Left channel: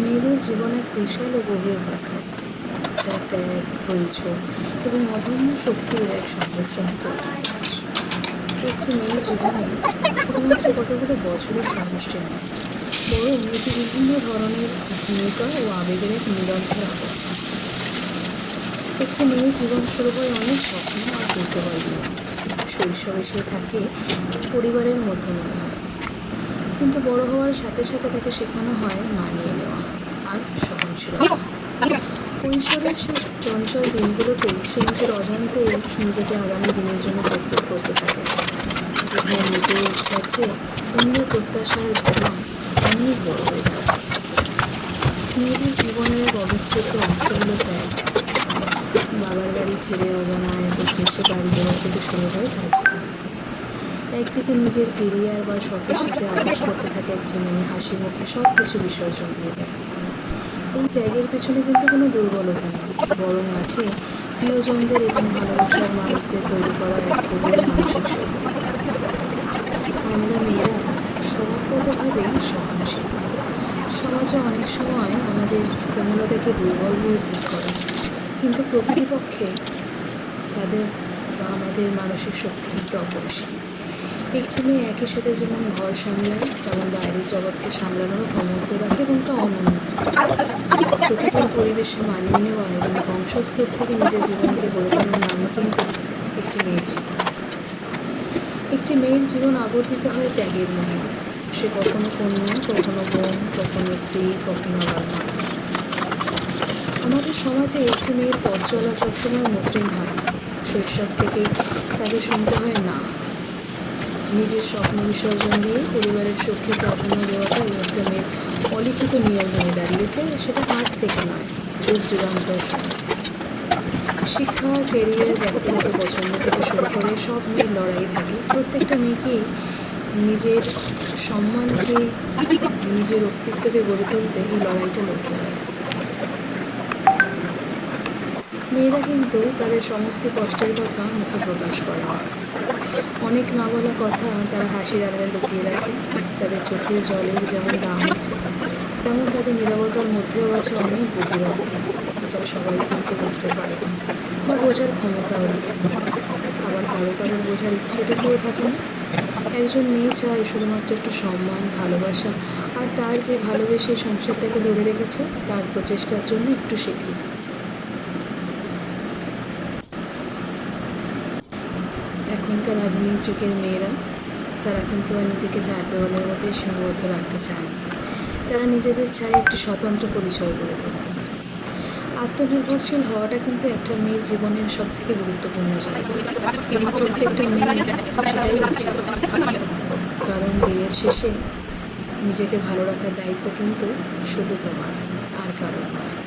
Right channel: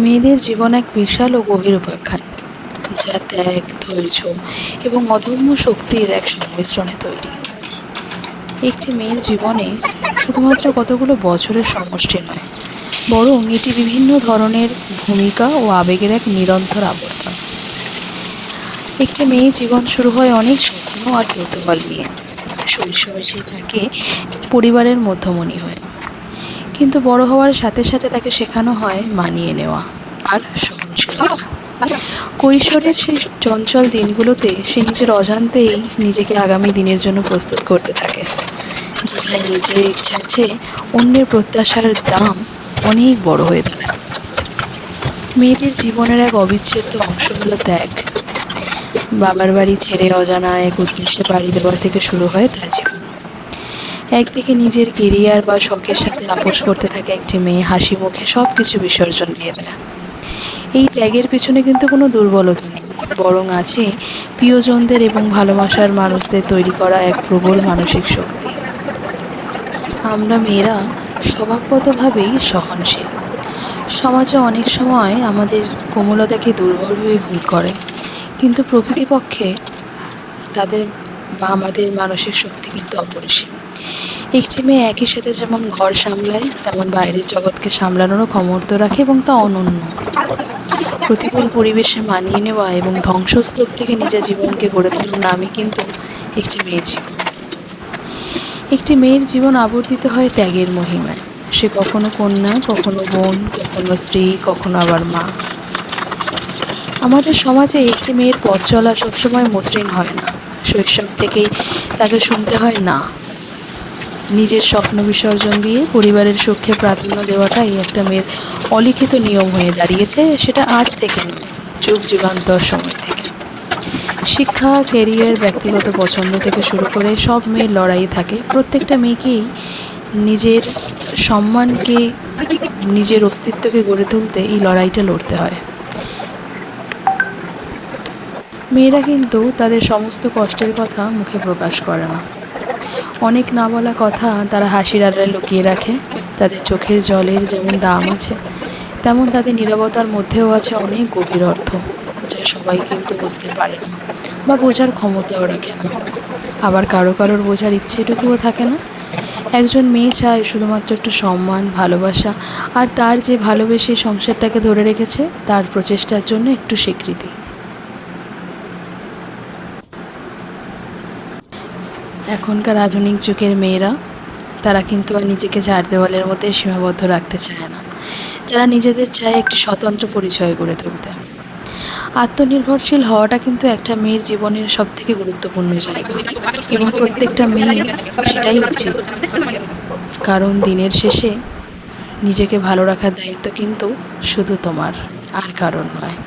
মেয়েদের জীবন এক বিশাল ও গভীর উপাখ্যান, যা ত্যাগ, ধৈর্য এবং অদম্য শক্তির এক সংমিশ্রণে তৈরি। একটি মেয়ের জীবনে শুধুমাত্র কতগুলো বছরের সমষ্টি নয়, বরং এটি বিভিন্ন ধরনের ভূমিকা ও আবেগের এক নিরন্তর আবর্তন। একটি মেয়ের জীবন শুরু হয় অনেক স্বপ্ন আর কৌতূহল নিয়ে। শৈশবে সে থাকে পরিবারের মধ্যমণি হয়ে, কিন্তু বড় হওয়ার সাথে সাথে তাকে শেখানো হয় মানিয়ে নেওয়া আর সহনশীলতা। কৈশোরের সেই চঞ্চল দিনগুলোতে সে নিজের অজান্তেই নিজেকে আগামী দিনের জন্য প্রস্তুত করতে থাকে, যেখানে নিজের ইচ্ছার চেয়ে অন্যের প্রত্যাশার দাম অনেক বড় হয়ে দাঁড়ায়। মেয়েদের জীবনের এক অবিচ্ছেদ্য অংশ হলো ত্যাগ। বাবার বাড়ি ছেড়ে অজানা এক উদ্দেশ্যে বাড়ি দেওয়া থেকে শুরু হয় তার জীবন। একদিকে নিজের কেরিয়ার বা শখের সাথে আপোস করতে থাকে একটি মেয়ে হাসি মুখে সব কিছু বিসর্জন দিয়ে দেয়। এই ত্যাগের পিছনে কিন্তু কোনো দুর্বলতা নেই, বরং আছে প্রিয়জনদের এবং ভালোবাসার মানুষদের তৈরি করা এক প্রবল মানসিক শক্তি। আমরা মেয়েরা স্বভাবগতভাবেই সহনশীল। সমাজে অনেক সময় আমাদের কোমলতাকে দুর্বল হয়ে ভুল করে, কিন্তু প্রকৃতপক্ষে তাদের বা আমাদের মানসিক শক্তি কিন্তু অপরিসীম। একটি মেয়ে একই সাথে যেমন ঘর সামলায়, তেমন বাইরের জগৎকে সামলানোরও ক্ষমতা রাখে এবং তা অনন্য। প্রতিকূল পরিবেশে মানিয়ে নেওয়া এবং ধ্বংসস্তূপ থেকে নিজের জীবনকে গড়ে তোলার নামই কিন্তু একটি মেয়ের জীবন। একটি মেয়ের জীবন আবর্তিত হয় ত্যাগের মহিমায়। সে কখনো কন্যা, কখনো বোন, কখনো স্ত্রী, কখনো আবার মা। আমাদের সমাজে একটি মেয়ের পথ চলা সবসময় মসৃণ হয় না। শৈশব থেকেই তাকে শুনতে হয় না। নিজের স্বপ্ন বিসর্জন দিয়ে পরিবারের সুখে প্রাধান্য দেওয়াটাই একটা মেয়ের অলিখিত নিয়ম হয়ে দাঁড়িয়েছে। সেটা আজ থেকে নয়, যুগ যুগান্তর সময় থেকে। শিক্ষা, ক্যারিয়ার, ব্যক্তিগত পছন্দ থেকে শুরু করে সব মেয়ের লড়াই থাকে। প্রত্যেকটা মেয়েকেই নিজের সম্মানকে, নিজের অস্তিত্বকে গড়ে তুলতে এই লড়াইটা লড়তে হয়। মেয়েরা কিন্তু তাদের সমস্ত কষ্টের কথা মুখে প্রকাশ করে না। অনেক না বলা কথা তারা হাসির আড়ালে লুকিয়ে রাখে। তাদের চোখের জলের যেমন দাম আছে, তেমন তাদের নীরবতার মধ্যেও আছে অনেক গভীর অর্থ, যা সবাই কিন্তু বুঝতে পারে না বা বোঝার ক্ষমতাও রাখে না। আবার কারো কারোর বোঝার ইচ্ছেটুকুও থাকে না। একজন মেয়ে চায় শুধুমাত্র একটু সম্মান, ভালোবাসা, আর তার যে ভালোবেসে সংসারটাকে ধরে রেখেছে তার প্রচেষ্টার জন্য একটু স্বীকৃতি। এখনকার আধুনিক যুগের মেয়েরা, তারা কিন্তু আর নিজেকে চার দেওয়ালের মধ্যে সীমাবদ্ধ রাখতে চায় না। তারা নিজেদের চায় একটি স্বতন্ত্র পরিচয় গড়ে তুলতে। আত্মনির্ভরশীল হওয়াটা কিন্তু একটা মেয়ের জীবনের সবথেকে গুরুত্বপূর্ণ জায়গা, এবং প্রত্যেকটা মেয়ে সেটাই উচিত। কারণ দিনের শেষে নিজেকে ভালো রাখার দায়িত্ব কিন্তু শুধু তোমার, আর কারণ নয়।